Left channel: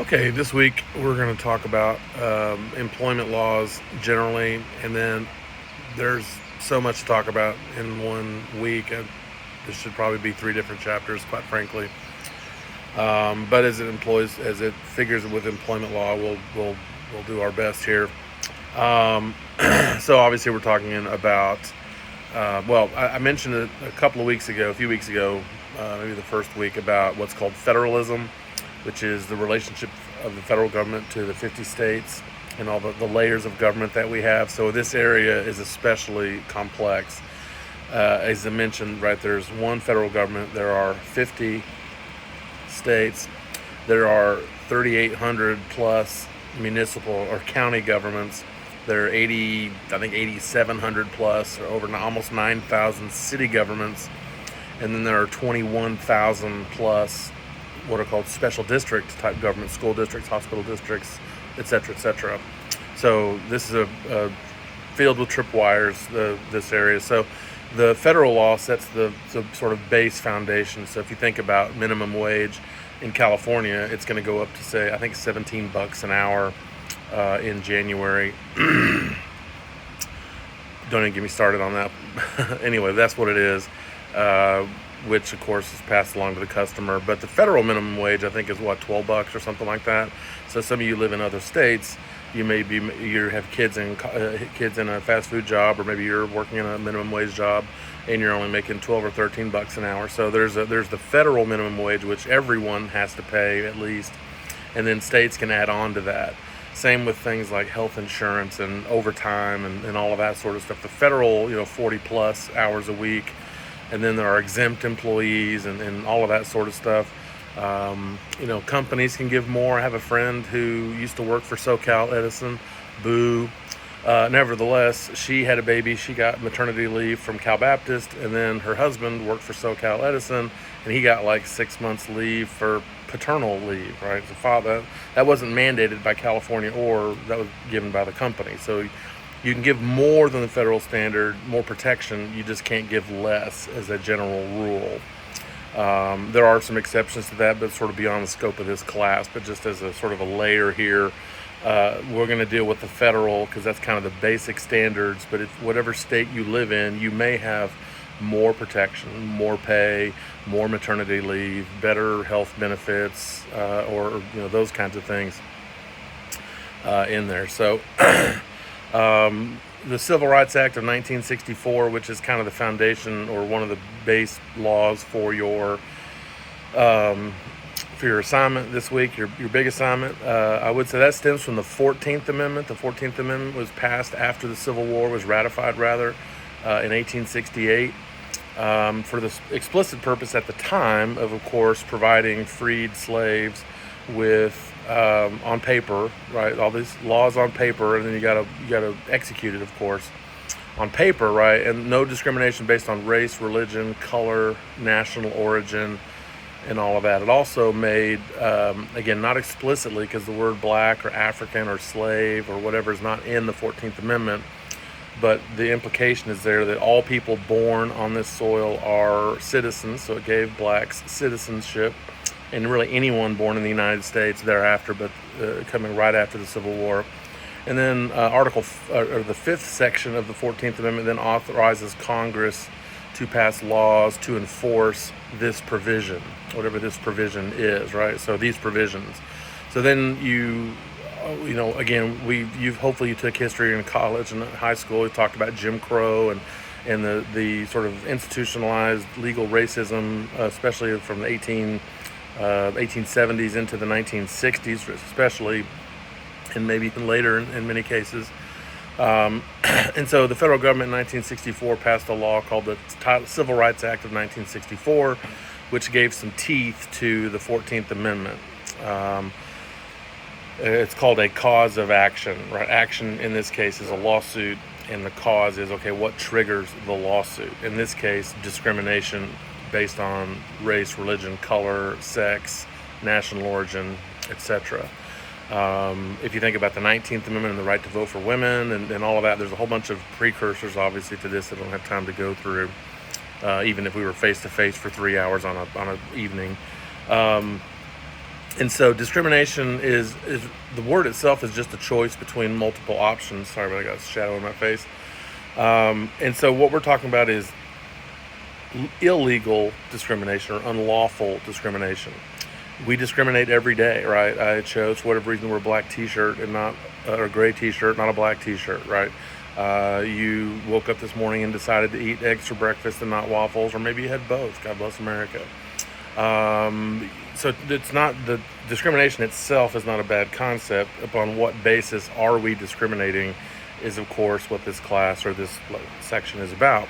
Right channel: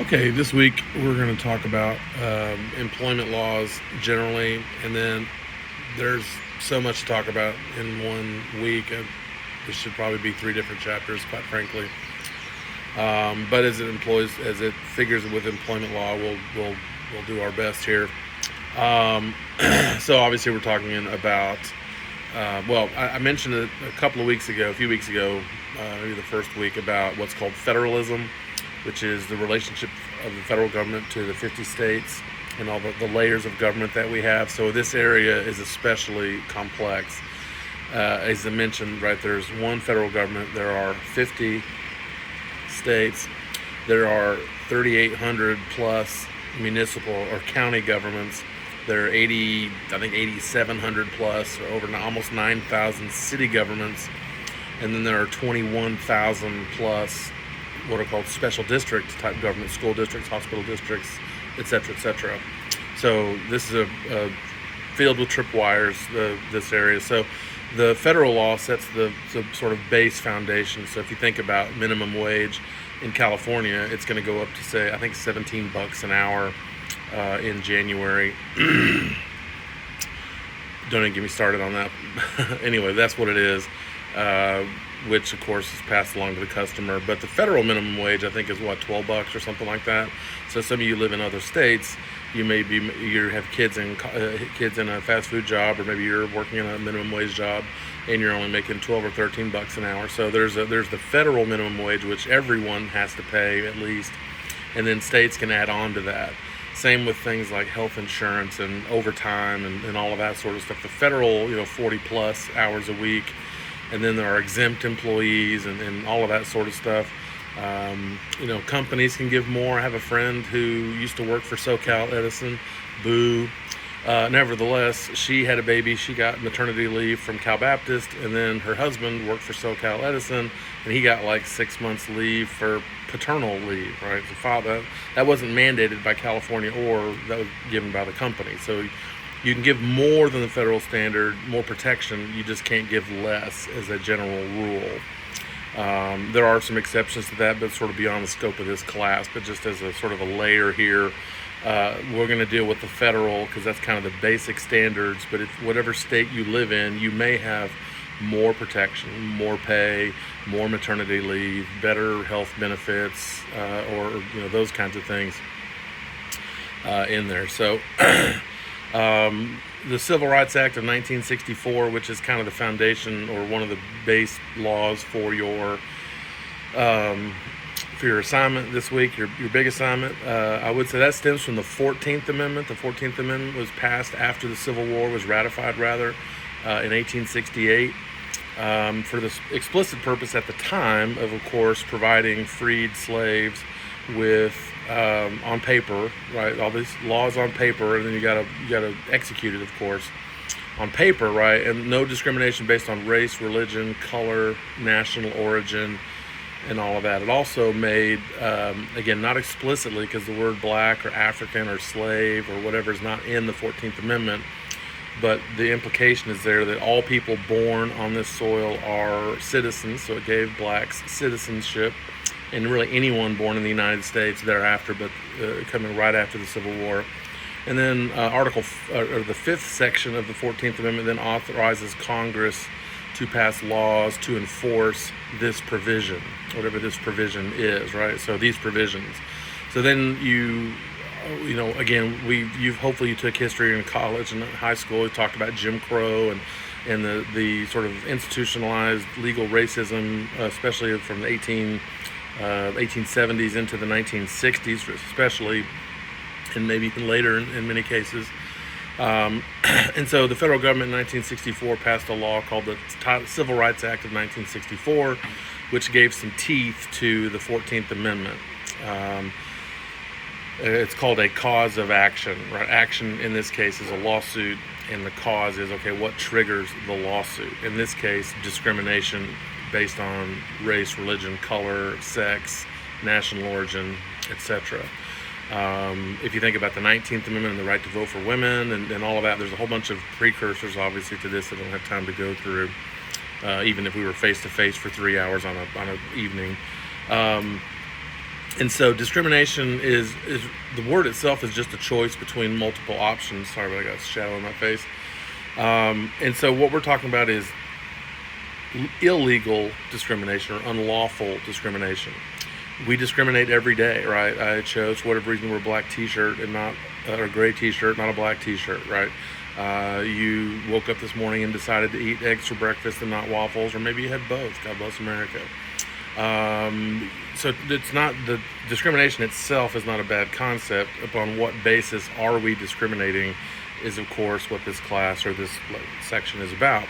Okay, this week we're going to talk about employment laws generally, and then there's so much to talk about in one week. This should probably be three different chapters, quite frankly. But as it figures with employment law, we'll do our best here. Um, so obviously we're talking about. I mentioned it a few weeks ago, maybe the first week, about what's called federalism, which is the relationship of the federal government to the 50 states and all the layers of government that we have. So this area is especially complex. As I mentioned, right, there's one federal government, there are 50 states, there are 3,800 plus municipal or county governments. There are 8,700 plus, or over almost 9,000 city governments, and then there are 21,000 plus what are called special district type government, school districts, hospital districts, et cetera, et cetera. So this is a field with tripwires, this area. So the federal law sets the sort of base foundation. So if you think about minimum wage in California, it's going to go up to, say, I think $17 an hour in January. Don't even get me started on that. Anyway, that's what it is, which of course is passed along to the customer. But the federal minimum wage, I think, is what, $12 or something like that. So some of you live in other states, you have kids in a fast food job, or maybe you're working in a minimum wage job and you're only making 12 or 13 bucks an hour. So there's the federal minimum wage, which everyone has to pay at least, and then states can add on to that. Same with things like health insurance and overtime and all of that sort of stuff. The federal, 40 plus hours a week, and then there are exempt employees and all of that sort of stuff. Companies can give more. I have a friend who used to work for SoCal Edison. Boo. Nevertheless, she had a baby. She got maternity leave from Cal Baptist, and then her husband worked for SoCal Edison, and he got like 6 months leave for paternal leave, right? The father, that wasn't mandated by California, or that was given by the company. So you can give more than the federal standard, more protection. You just can't give less as a general rule. There are some exceptions to that, but sort of beyond the scope of this class. But just as a sort of a layer here, we're going to deal with the federal, because that's kind of the basic standards. But if whatever state you live in, you may have more protection, more pay, more maternity leave, better health benefits, or those kinds of things in there. So the Civil Rights Act of 1964, which is kind of the foundation or one of the base laws for your assignment this week, your big assignment, I would say that stems from the 14th Amendment. The 14th Amendment was passed after the Civil War, was ratified rather, in 1868, for the explicit purpose at the time of course, providing freed slaves with on paper, right? All these laws on paper, and then you gotta execute it, of course, on paper, right? And no discrimination based on race, religion, color, national origin, and all of that. It also made, again, not explicitly, because the word black or African or slave or whatever is not in the 14th Amendment, but the implication is there that all people born on this soil are citizens. So it gave blacks citizenship, and really anyone born in the United States thereafter, but coming right after the Civil War. And then the fifth section of the 14th Amendment then authorizes Congress to pass laws to enforce this provision, whatever this provision is, right? So these provisions. So then hopefully you took history in college and high school. We talked about Jim Crow and the sort of institutionalized legal racism, especially from the 1870s into the 1960s, especially, and maybe even later in many cases. And so the federal government in 1964 passed a law called the Civil Rights Act of 1964, which gave some teeth to the 14th Amendment. It's called a cause of action, right? Action in this case is a lawsuit, and the cause is, okay, what triggers the lawsuit? In this case, discrimination based on race, religion, color, sex, national origin, etc. If you think about the 19th Amendment and the right to vote for women and all of that, there's a whole bunch of precursors, obviously, to this that I don't have time to go through, even if we were face-to-face for 3 hours on an evening. And so discrimination is the word itself is just a choice between multiple options. Sorry, but I got a shadow in my face. And so what we're talking about is illegal discrimination or unlawful discrimination. We discriminate every day, right? I chose, for whatever reason, wear a black t-shirt and not, or a gray t-shirt, not a black t-shirt, right? You woke up this morning and decided to eat eggs for breakfast and not waffles, or maybe you had both. God bless America. So it's not, the discrimination itself is not a bad concept. Upon what basis are we discriminating is, of course, what this class or this section is about.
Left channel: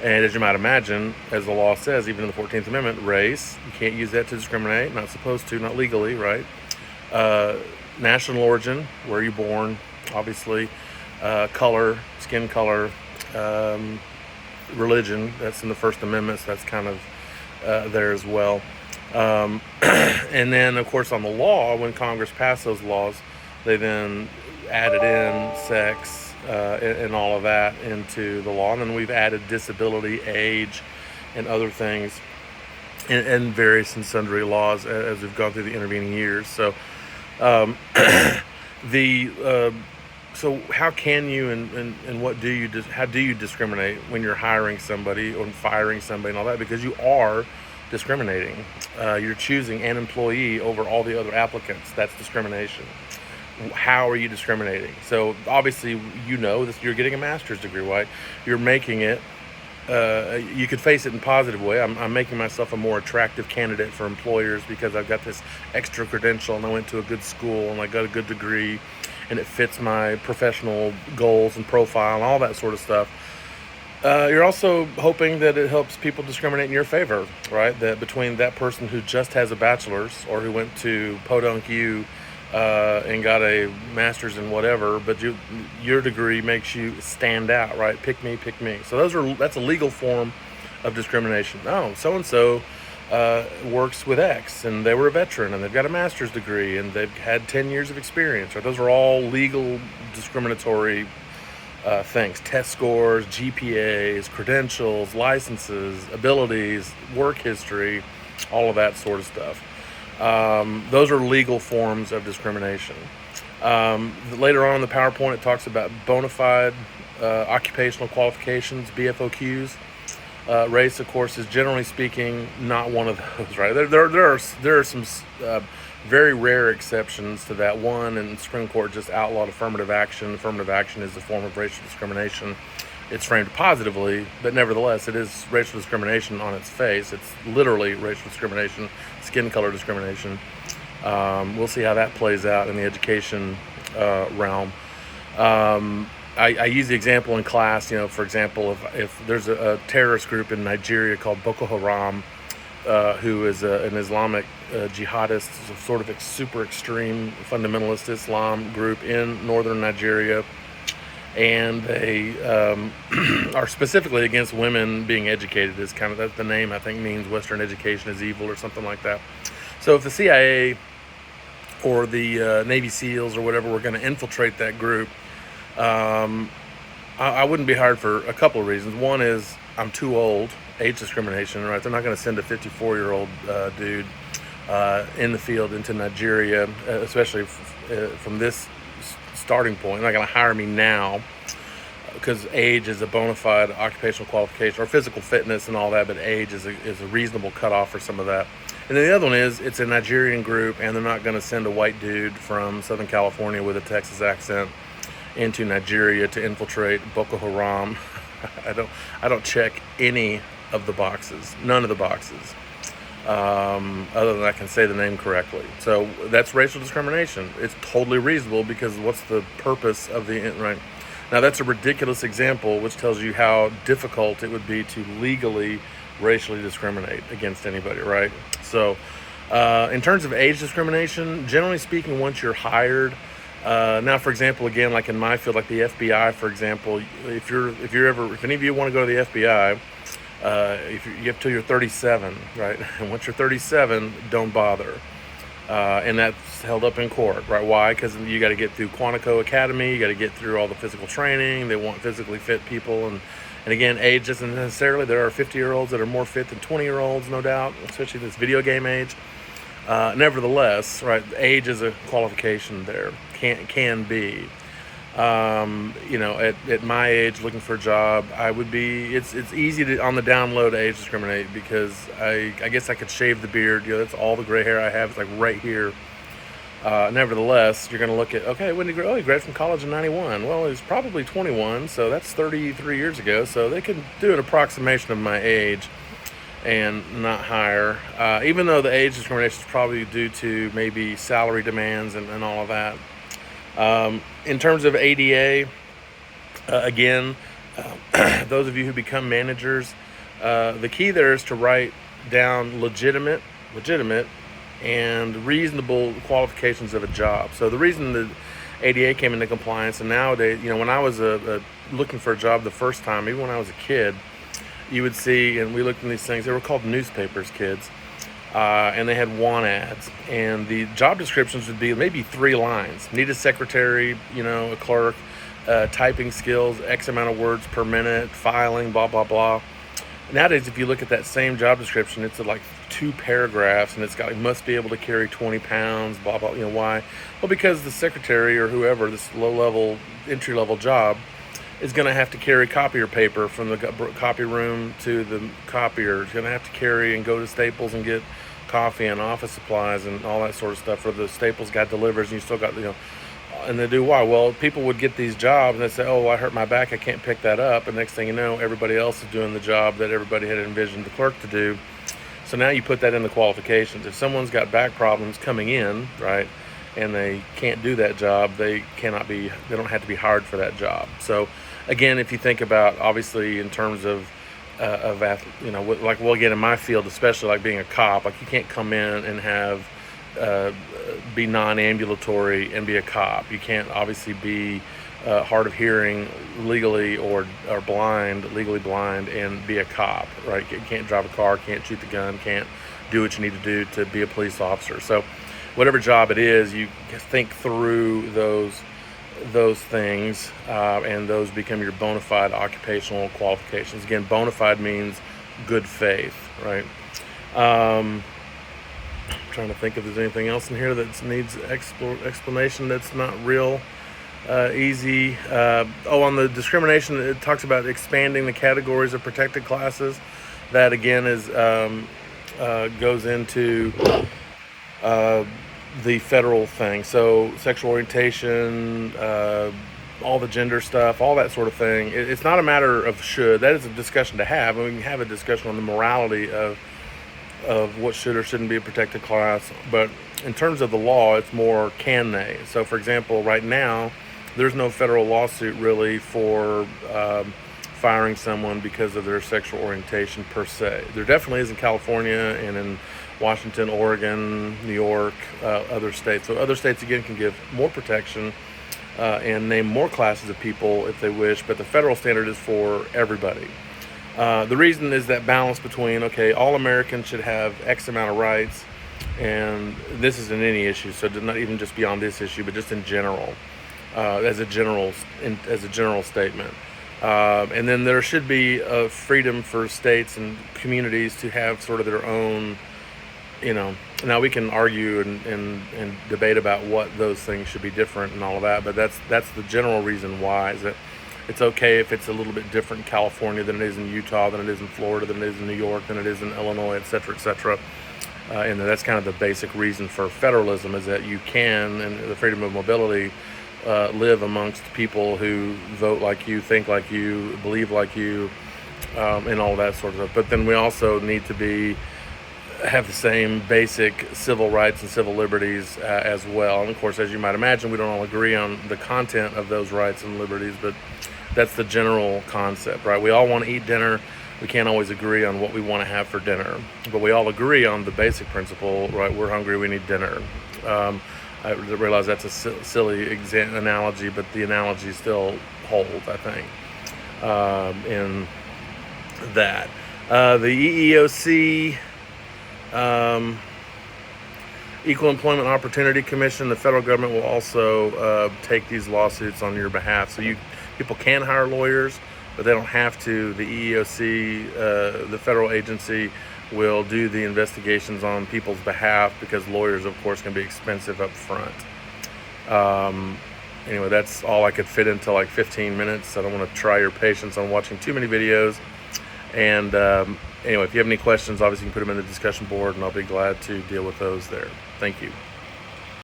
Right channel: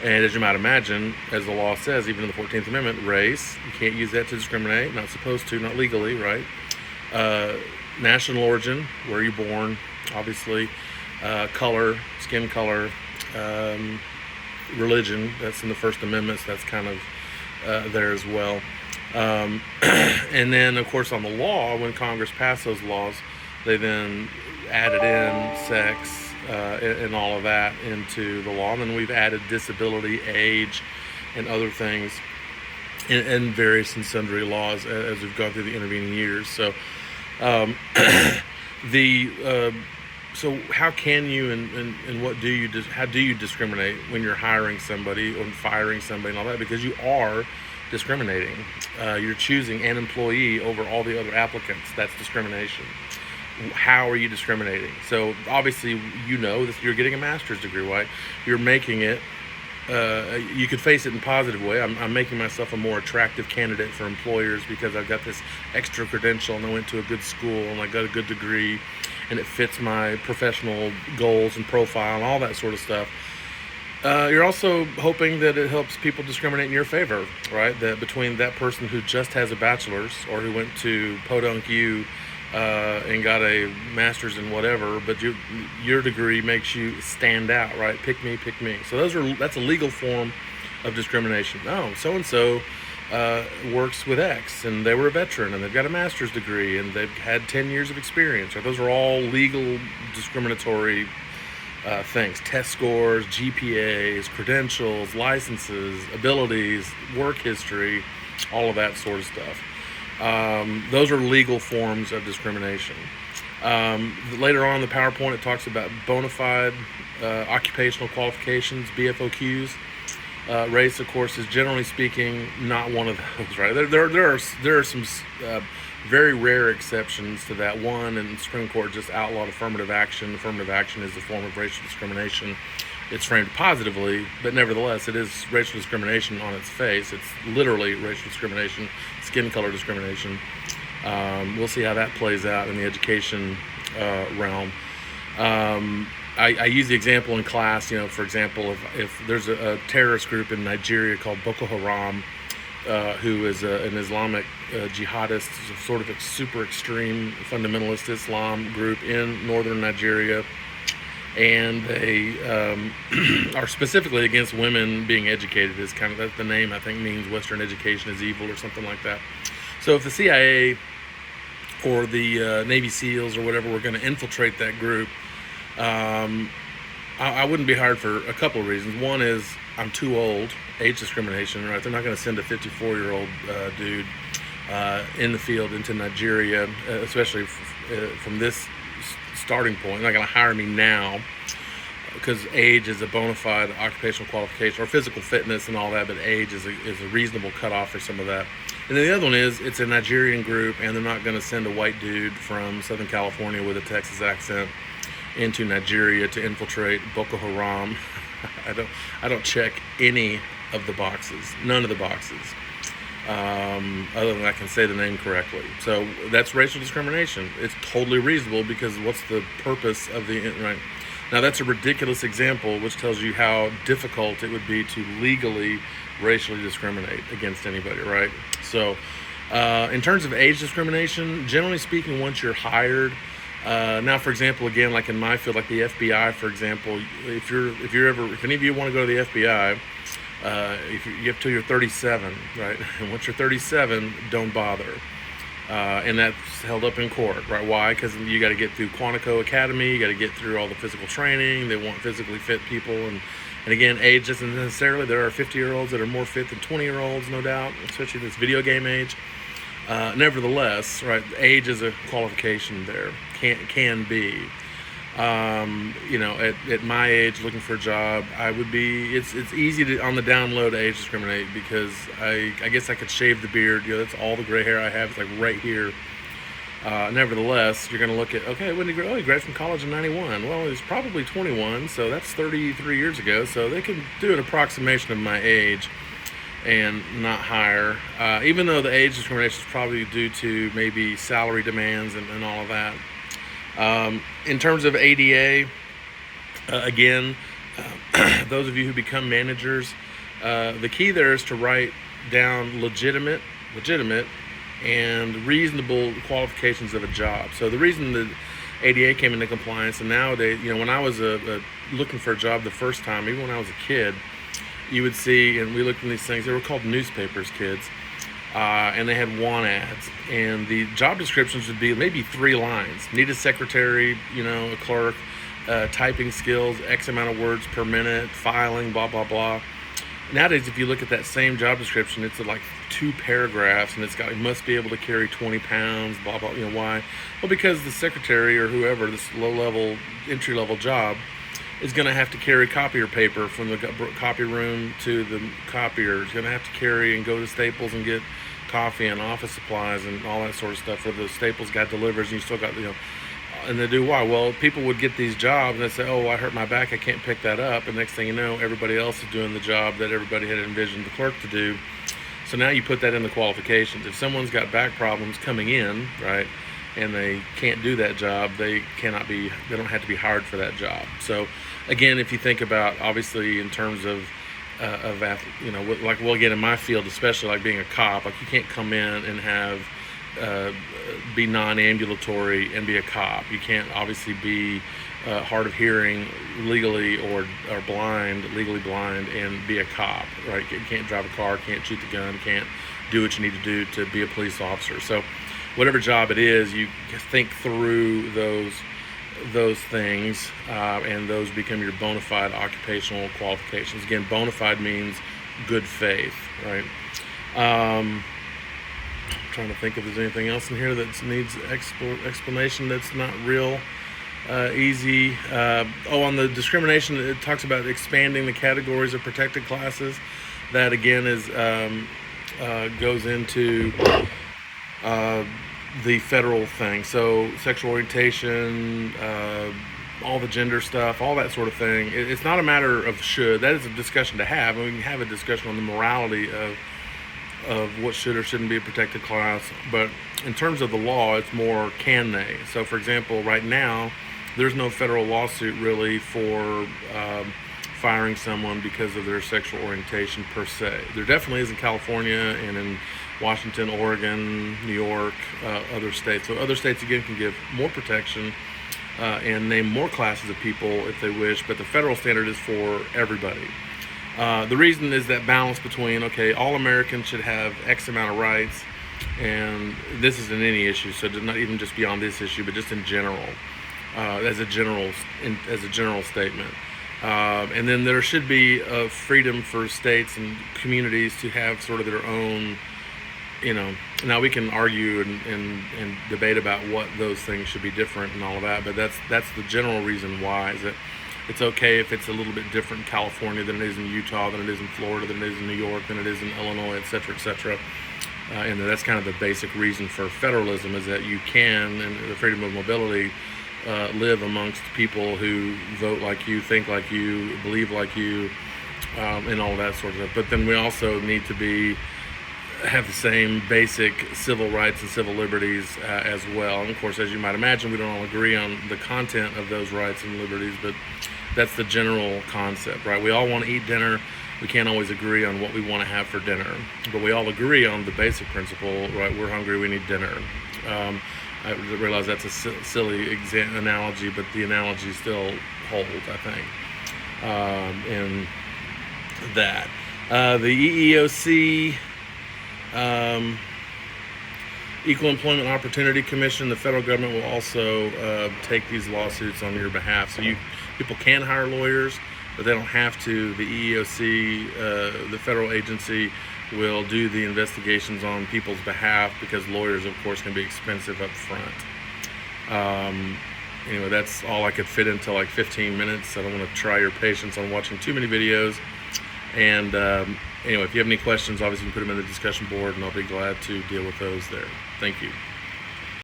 And as you might imagine, as the law says, even in the 14th Amendment, race, you can't use that to discriminate, not supposed to, not legally, right? National origin, where you're born, obviously, color, skin color, religion, that's in the First Amendment, so that's kind of there as well. And then, of course, on the law, when Congress passed those laws, they then added in sex, and all of that into the law. And then we've added disability, age, and other things and various and sundry laws as we've gone through the intervening years. So so how can you and what do you how do you discriminate when you're hiring somebody or firing somebody and all that? Because you are discriminating. You're choosing an employee over all the other applicants. That's discrimination. How are you discriminating? So obviously, you know that you're getting a master's degree, right? You're making it, you could face it in a positive way. I'm making myself a more attractive candidate for employers because I've got this extra credential and I went to a good school and I got a good degree and it fits my professional goals and profile and all that sort of stuff. You're also hoping that it helps people discriminate in your favor, right? That between that person who just has a bachelor's or who went to Podunk U and got a master's in whatever, but your degree makes you stand out, right? Pick me, pick me. So that's a legal form of discrimination. Oh, so-and-so works with X and they were a veteran and they've got a master's degree and they've had 10 years of experience. Or those are all legal discriminatory things. Test scores, GPAs, credentials, licenses, abilities, work history, all of that sort of stuff. Those are legal forms of discrimination. Later on in the PowerPoint, it talks about bona fide occupational qualifications, BFOQs. Race, of course, is generally speaking not one of those, right? There are some very rare exceptions to that one, and the Supreme Court just outlawed affirmative action. Affirmative action is a form of racial discrimination. It's framed positively, but nevertheless, it is racial discrimination on its face. It's literally racial discrimination, skin color discrimination. We'll see how that plays out in the education realm. I use the example in class, for example, if there's a terrorist group in Nigeria called Boko Haram, who is an Islamic jihadist, sort of super extreme fundamentalist Islam group in northern Nigeria, and they are specifically against women being educated. Is kind of that's the name, I think, means Western education is evil or something like that. So if the CIA or the Navy SEALs or whatever were going to infiltrate that group, I wouldn't be hired for a couple of reasons. One is I'm too old, age discrimination, right? They're not going to send a 54-year-old dude in the field into Nigeria, especially from this starting point. They're not going to hire me now because age is a bona fide occupational qualification, or physical fitness and all that, but age is a reasonable cutoff for some of that. And then the other one is it's a Nigerian group, and they're not going to send a white dude from Southern California with a Texas accent into Nigeria to infiltrate Boko Haram. I don't check any of the boxes, none of the boxes, other than I can say the name correctly. So that's racial discrimination. It's totally reasonable because what's the purpose of the right? Now that's a ridiculous example, which tells you how difficult it would be to legally racially discriminate against anybody, right? So in terms of age discrimination, generally speaking, once you're hired, now, for example, again, like in my field, like the FBI, for example, if any of you want to go to the FBI, if you get till you're 37, right? And once you're 37, don't bother. And that's held up in court, right? Why? Because you got to get through Quantico Academy, you got to get through all the physical training. They want physically fit people, and again, age doesn't necessarily. There are 50-year-olds that are more fit than 20-year-olds, no doubt, especially this video game age. Nevertheless, right, age is a qualification there. Can be. At my age, looking for a job, I would be. It's easy to on the down low to age discriminate because I guess I could shave the beard. That's all the gray hair I have. It's like right here. Nevertheless, you're going to look at, okay, when did he graduated from college in '91. Well, he was probably 21, so that's 33 years ago. So they can do an approximation of my age and not hire, even though the age discrimination is probably due to maybe salary demands and all of that. In terms of ADA, again, those of you who become managers, the key there is to write down legitimate, and reasonable qualifications of a job. So the reason the ADA came into compliance, and nowadays, when I was looking for a job the first time, even when I was a kid, you would see, and we looked in these things, they were called newspapers, kids, and they had want ads, and the job descriptions would be maybe 3 lines. Need a secretary, a clerk, typing skills, X amount of words per minute, filing, blah, blah, blah. Nowadays, if you look at that same job description, it's like 2 paragraphs, and it's got, must be able to carry 20 pounds, blah, blah. Why? Well, because the secretary or whoever, this low-level, entry-level job, is going to have to carry copier paper from the copy room to the copier. It's going to have to carry and go to Staples and get coffee and office supplies and all that sort of stuff. For the Staples guy delivers, and you still got, and they do why? Well, people would get these jobs and they say, oh, I hurt my back, I can't pick that up. And next thing you know, everybody else is doing the job that everybody had envisioned the clerk to do. So now you put that in the qualifications. If someone's got back problems coming in, right, and they can't do that job, they don't have to be hired for that job. So again, if you think about, obviously, in terms of like, well, again, in my field, especially like being a cop, like you can't come in and have be non-ambulatory and be a cop. You can't obviously be hard of hearing legally or legally blind and be a cop, right? You can't drive a car, can't shoot the gun, can't do what you need to do to be a police officer. So whatever job it is, you think through those things, and those become your bona fide occupational qualifications. Again, bona fide means good faith, right? Trying to think if there's anything else in here that needs explanation that's not real easy. On the discrimination, it talks about expanding the categories of protected classes. That again is goes into the federal thing. So sexual orientation, all the gender stuff, all that sort of thing. It's not a matter of should. That is a discussion to have, and we can have a discussion on the morality of what should or shouldn't be a protected class. But in terms of the law, it's more can they. So for example, right now, there's no federal lawsuit really for firing someone because of their sexual orientation per se. There definitely is in California and in Washington, Oregon, New York, other states. So other states, again, can give more protection and name more classes of people if they wish, but the federal standard is for everybody. The reason is that balance between, okay, all Americans should have X amount of rights, and this isn't any issue, so not even just beyond this issue, but just in general, as a general statement. And then there should be a freedom for states and communities to have sort of their own, now we can argue and debate about what those things should be different and all of that, but that's the general reason why, is that it's okay if it's a little bit different in California than it is in Utah, than it is in Florida, than it is in New York, than it is in Illinois, et cetera, et cetera. And that's kind of the basic reason for federalism, is that you can, and the freedom of mobility, live amongst people who vote like you, think like you, believe like you, and all that sort of stuff. But then we also need to have the same basic civil rights and civil liberties as well. And of course, as you might imagine, we don't all agree on the content of those rights and liberties, but that's the general concept, right? We all want to eat dinner. We can't always agree on what we want to have for dinner, but we all agree on the basic principle, right? We're hungry, we need dinner. I realize that's a silly analogy, but the analogy still holds, I think, in that. The EEOC, Equal Employment Opportunity Commission, the federal government will also take these lawsuits on your behalf. So people can hire lawyers, but they don't have to. The EEOC, the federal agency, will do the investigations on people's behalf, because lawyers, of course, can be expensive up front. Anyway, that's all I could fit into like 15 minutes. I don't want to try your patience on watching too many videos. And anyway, if you have any questions, obviously you can put them in the discussion board, and I'll be glad to deal with those there. Thank you.